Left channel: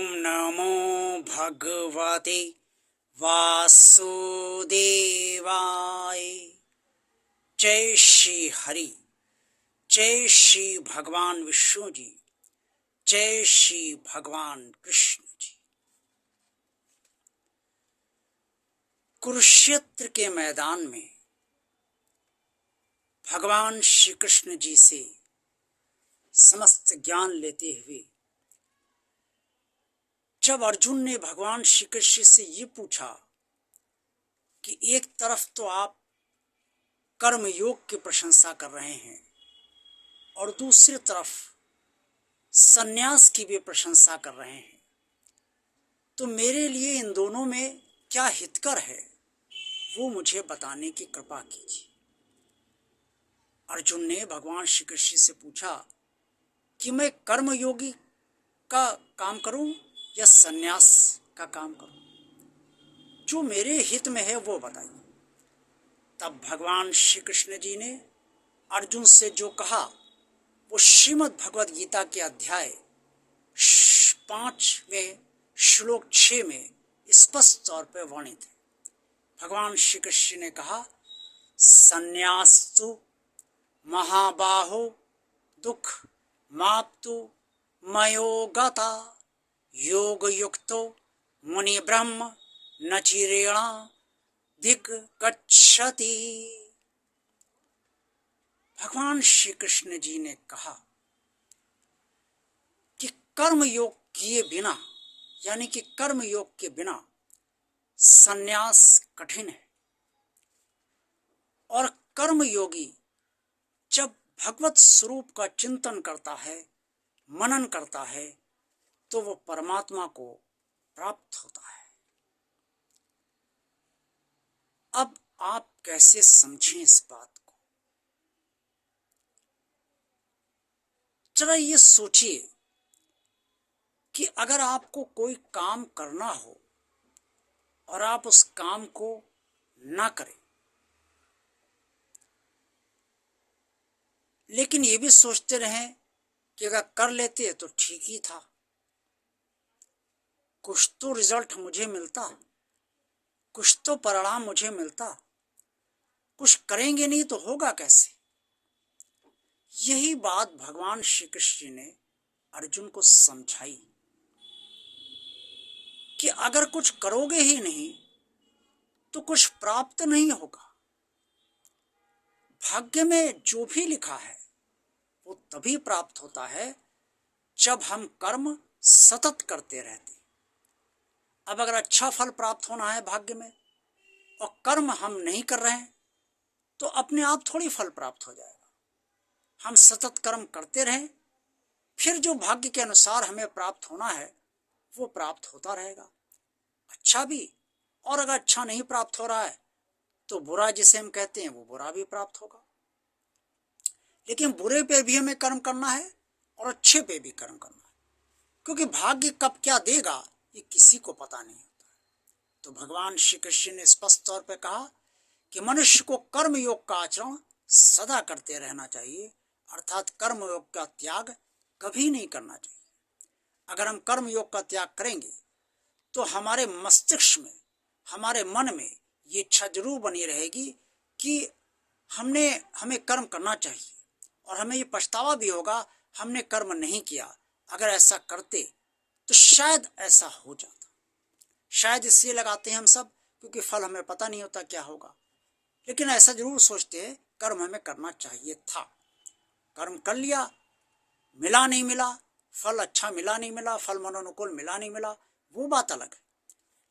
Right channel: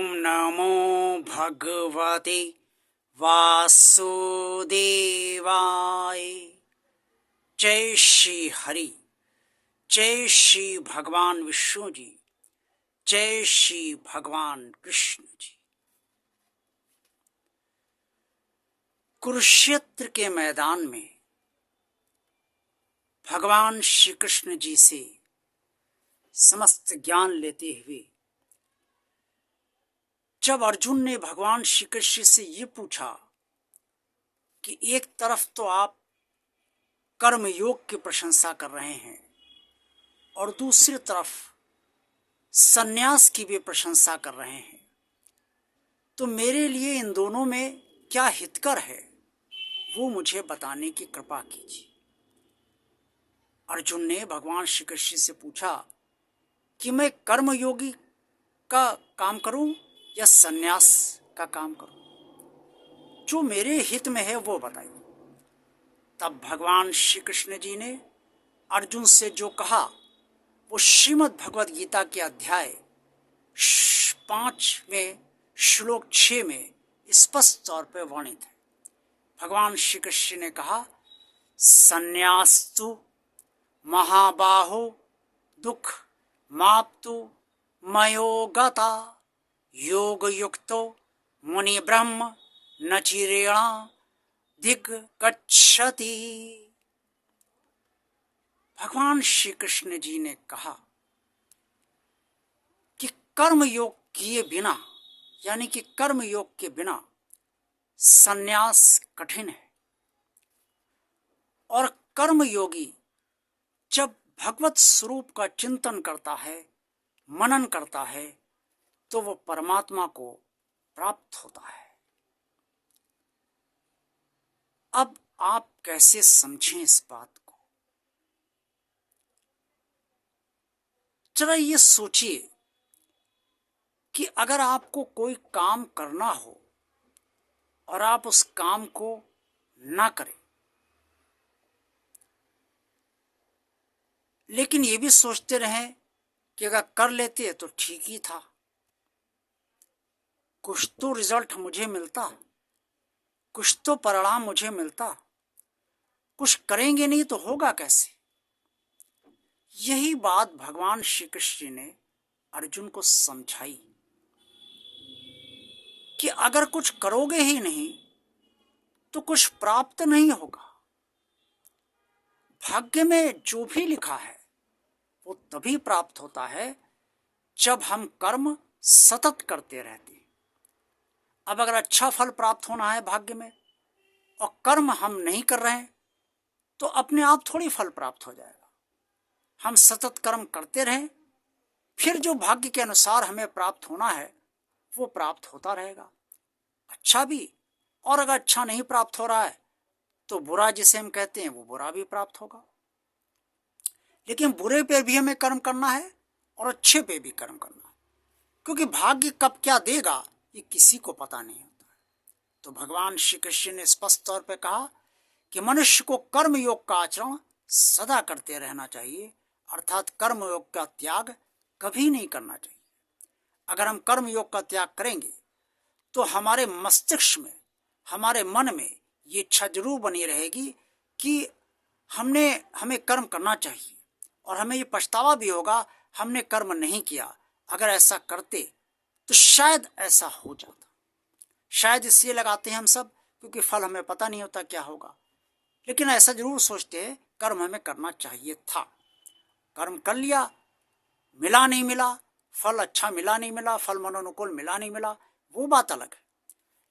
ओम नमो भगवते वासुदेवाय। जय श्री हरि, जय श्री भगवान विष्णु जी, जय श्री भगवान कृष्ण जी। कुरुक्षेत्र के मैदान में भगवान श्री कृष्ण जी से समस्त ज्ञान लेते हुए जब अर्जुन ने भगवान श्री कृष्ण से ये पूछा कि एक तरफ तो आप कर्म योग की प्रशंसा कर रहे हैं और दूसरी तरफ सन्यास की भी प्रशंसा कर रहे हैं, तो मेरे लिए इन दोनों में क्या हितकर है वो मुझे बताने की कृपा कीजिए। अर्जुन ने भगवान श्री कृष्ण से पूछा कि मैं कर्मयोगी का काम करूं या सन्यास का काम करूं, जो मेरे हित में है वो बताइए। तब भगवान श्री कृष्ण जी ने अर्जुन से जो कहा वो श्रीमद् भगवद गीता के अध्याय 5 में श्लोक 6 में स्पष्ट तौर पर वर्णित है। भगवान श्री कृष्ण ने कहा, सन्यास्तु महाबाहो दुख माप्तु मयोगता योग युक्तो मुनि ब्रह्म नचिरेणा दिग्गच्छति। भगवान श्री कृष्ण जी ने कहा कि कर्म योग किए बिना, यानी कि कर्म योग के बिना सन्यास कठिन है, और कर्म योगी जब भगवत स्वरूप का चिंतन करता है, मनन करता है, तो वो परमात्मा को प्राप्त होता है। अब आप कैसे समझें इस बात को? जरा ये सोचिए कि अगर आपको कोई काम करना हो और आप उस काम को ना करें, लेकिन ये भी सोचते रहें कि अगर कर लेते तो ठीक ही था, कुछ तो रिजल्ट मुझे मिलता, कुछ तो परिणाम मुझे मिलता, कुछ करेंगे नहीं तो होगा कैसे। यही बात भगवान श्री कृष्ण ने अर्जुन को समझाई कि अगर कुछ करोगे ही नहीं तो कुछ प्राप्त नहीं होगा। भाग्य में जो भी लिखा है वो तभी प्राप्त होता है जब हम कर्म सतत करते रहते हैं। अब अगर अच्छा फल प्राप्त होना है भाग्य में और कर्म हम नहीं कर रहे हैं तो अपने आप थोड़ी फल प्राप्त हो जाएगा। हम सतत कर्म करते रहें, फिर जो भाग्य के अनुसार हमें प्राप्त होना है वो प्राप्त होता रहेगा, अच्छा भी। और अगर अच्छा नहीं प्राप्त हो रहा है तो बुरा जिसे हम कहते हैं वो बुरा भी प्राप्त होगा। लेकिन बुरे पे भी हमें कर्म करना है और अच्छे पे भी कर्म करना है, क्योंकि भाग्य कब क्या देगा ये किसी को पता नहीं होता है। तो भगवान श्री कृष्ण ने स्पष्ट तौर पे कहा कि मनुष्य को कर्म योग का आचरण सदा करते रहना चाहिए, अर्थात कर्म योग का त्याग कभी नहीं करना चाहिए। अगर हम कर्म योग का त्याग करेंगे तो हमारे मस्तिष्क में, हमारे मन में ये इच्छा जरूर बनी रहेगी कि हमें कर्म करना चाहिए, और हमें ये पछतावा भी होगा हमने कर्म नहीं किया। अगर ऐसा करते तो शायद ऐसा हो जाता। शायद इसलिए लगाते हैं हम सब क्योंकि फल हमें पता नहीं होता क्या होगा, लेकिन ऐसा जरूर सोचते हैं कर्म हमें करना चाहिए था। कर्म कर लिया, मिला नहीं मिला, फल अच्छा मिला नहीं मिला, फल मनोनुकूल मिला नहीं मिला, वो बात अलग है।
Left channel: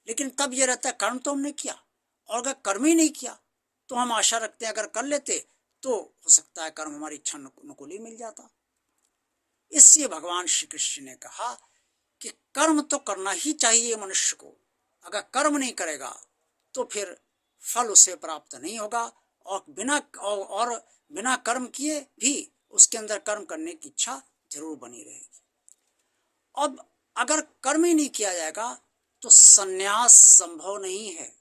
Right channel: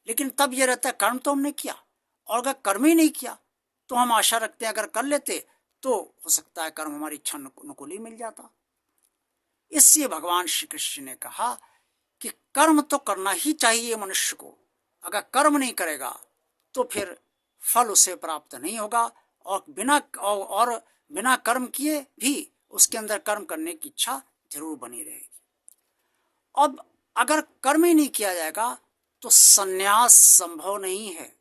लेकिन तब ये रहता है कर्म तो हमने किया, और अगर कर्म ही नहीं किया तो हम आशा रखते हैं अगर कर लेते तो हो सकता है कर्म हमारी इच्छा अनुकूल ही मिल जाता। इसलिए भगवान श्री कृष्ण ने कहा कि कर्म तो करना ही चाहिए मनुष्य को। अगर कर्म नहीं करेगा तो फिर फल उसे प्राप्त नहीं होगा, और बिना कर्म किए भी उसके अंदर कर्म करने की इच्छा जरूर बनी रहेगी। अब अगर कर्म ही नहीं किया जाएगा तो सन्यास संभव नहीं है।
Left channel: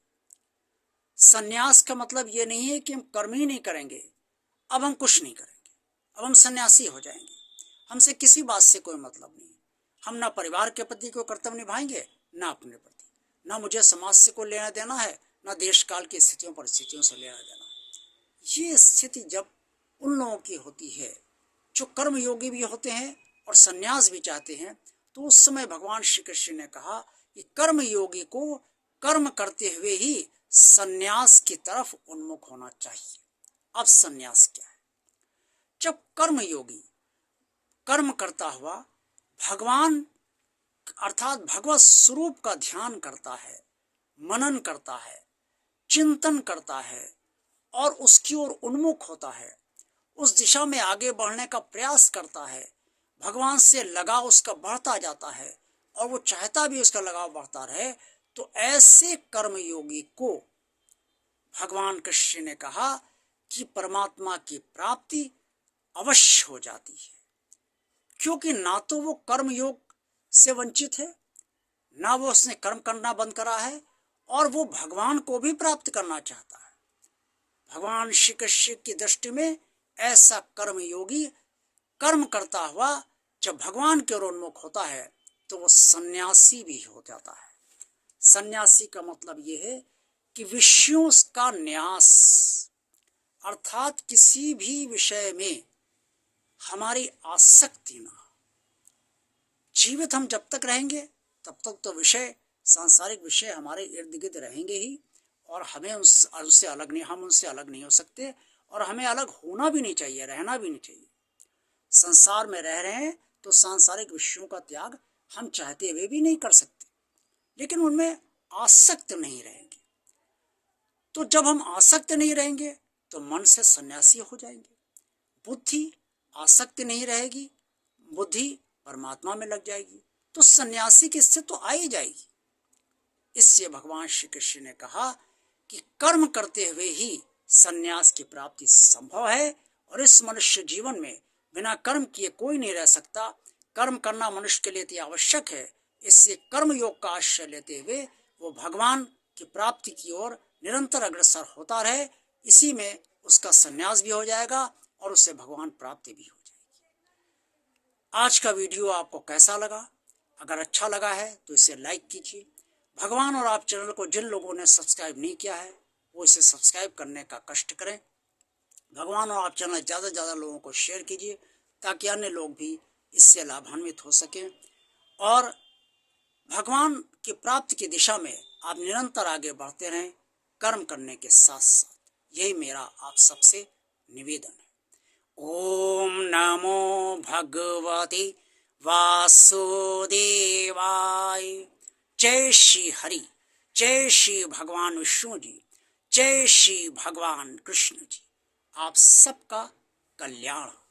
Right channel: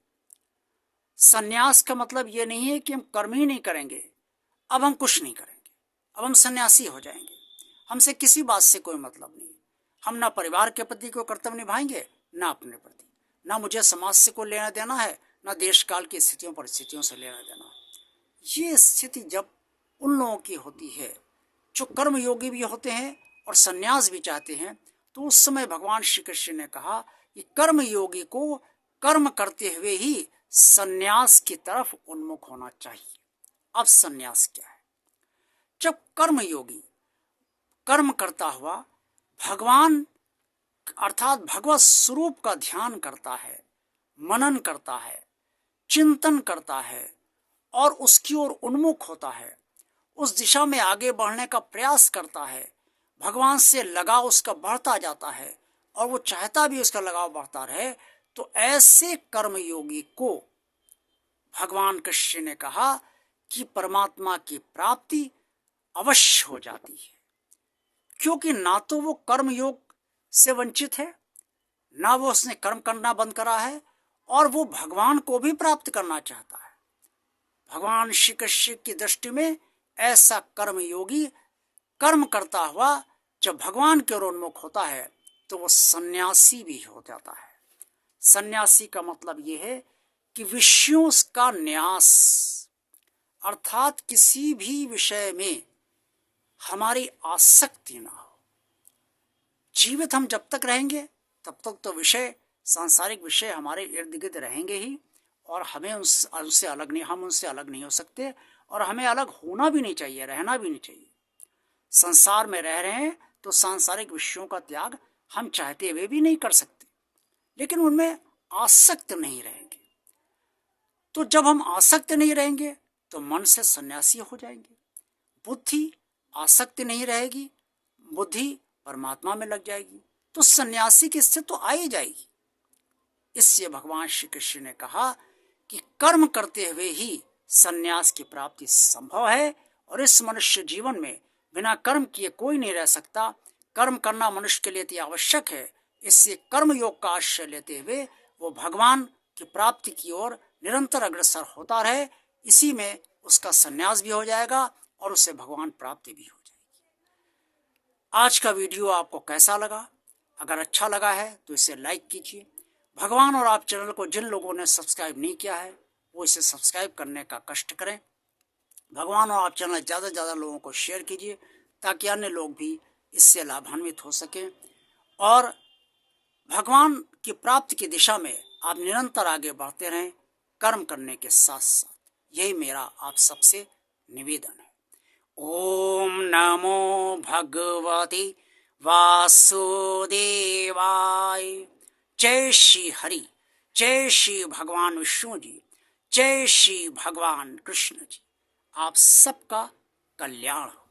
सन्यास का मतलब ये नहीं है कि हम कर्म ही नहीं करेंगे, अब हम कुछ नहीं करेंगे, अब हम सन्यासी हो जाएंगे, हमसे किसी बात से कोई मतलब नहीं। हम ना परिवार के प्रति कोई कर्तव्य निभाएंगे, ना अपने प्रति, ना मुझे समाज से कोई लेना देना है, ना देश काल की स्थितियों परिस्थितियों से लेना देना। ये स्थिति जब उन लोगों की होती है जो कर्म योगी भी होते हैं और संन्यास भी चाहते हैं, तो उस समय भगवान श्री कृष्ण ने कहा कि कर्म योगी को कर्म करते हुए ही संन्यास की तरफ उन्मुख होना चाहिए। अब संन्यास क्या है? जब कर्म योगी कर्म करता हुआ भगवान अर्थात भगवत स्वरूप का ध्यान करता है, मनन करता है, चिंतन करता है और उसकी ओर उन्मुख होता है, उस दिशा में आगे बढ़ने का प्रयास करता है, भगवान से लगाव उसका बढ़ता जाता है और वो चाहता भी उसका लगाव बढ़ता रहे, तो ऐसे कर्मयोगी को भगवान कृष्ण ने कहा कि परमात्मा की प्राप्ति अवश्य हो जाती है। क्योंकि ना तो वो कर्मयोग से वंचित है, ना वो उसने कर्म करना बंद करा है, और वो भगवान को भी प्राप्त करना चाहता है। भगवान श्री कृष्ण की दृष्टि में ऐसा कर्मयोगी कर्म करता हुआ जब भगवान के ओर उन्मुख होता है तो वो सन्यासी भी हो जाता है। सन्यासी का मतलब ये है कि विषयों का न्यास, अर्थात किसी भी विषय में हमारी आसक्ति ना हो। जीवित हम जब तक रहेंगे तब तक तो विषय, सांसारिक विषय हमारे इर्द गिर्द रहेंगे ही, और हमें उनसे अलग नहीं, हम उनसे अलग नहीं हो सकते, और हमें अलग होना भी नहीं चाहिए, रहना भी नहीं चाहिए। संसार में रह रहे हैं तो सांसारिक विषयों का त्याग हम चाहते हुए भी नहीं कर सकते, लेकिन उनमें आसक्त नहीं रहेंगे। तो जब हम आसक्त नहीं रहेंगे तो मन से सन्यासी हो जाएंगे, बुद्धि आसक्त नहीं रहेगी, बुद्धि परमात्मा में लग जाएगी, तो सन्यासी की स्थिति तो आ ही जाएगी। इससे भगवान श्री कृष्ण ने कहा कि कर्म करते हुए ही सन्यास की प्राप्ति संभव है, और इस मनुष्य जीवन में बिना कर्म किए कोई नहीं रह सकता। कर्म करना मनुष्य के लिए अति आवश्यक है। इससे कर्म योग का आश्रय लेते हुए वो भगवान की प्राप्ति की ओर निरंतर अग्रसर होता रहे। इसी में उसका सन्यास भी हो जाएगा और उससे भगवान प्राप्ति भी हो जाएगी। आज का वीडियो आपको कैसा लगा? अगर अच्छा लगा है तो इसे लाइक कीजिए। भगवान और आप चैनल को जिन लोगों ने सब्सक्राइब नहीं किया है वो इसे सब्सक्राइब करने का कष्ट करें। भगवान और आप चैनल ज़्यादा से ज़्यादा लोगों को शेयर कीजिए ताकि अन्य लोग भी इससे लाभान्वित हो सकें, और भगवान की प्राप्ति की दिशा में आप निरंतर आगे बढ़ते रहें कर्म करने के साथ साथ। यही मेरा आप सबसे निवेदन है। ओम नमो भगवते वासुदेवाय। जय श्री हरि, जय श्री भगवान विष्णु जी, जय श्री भगवान कृष्ण जी। आप सबका कल्याण हो।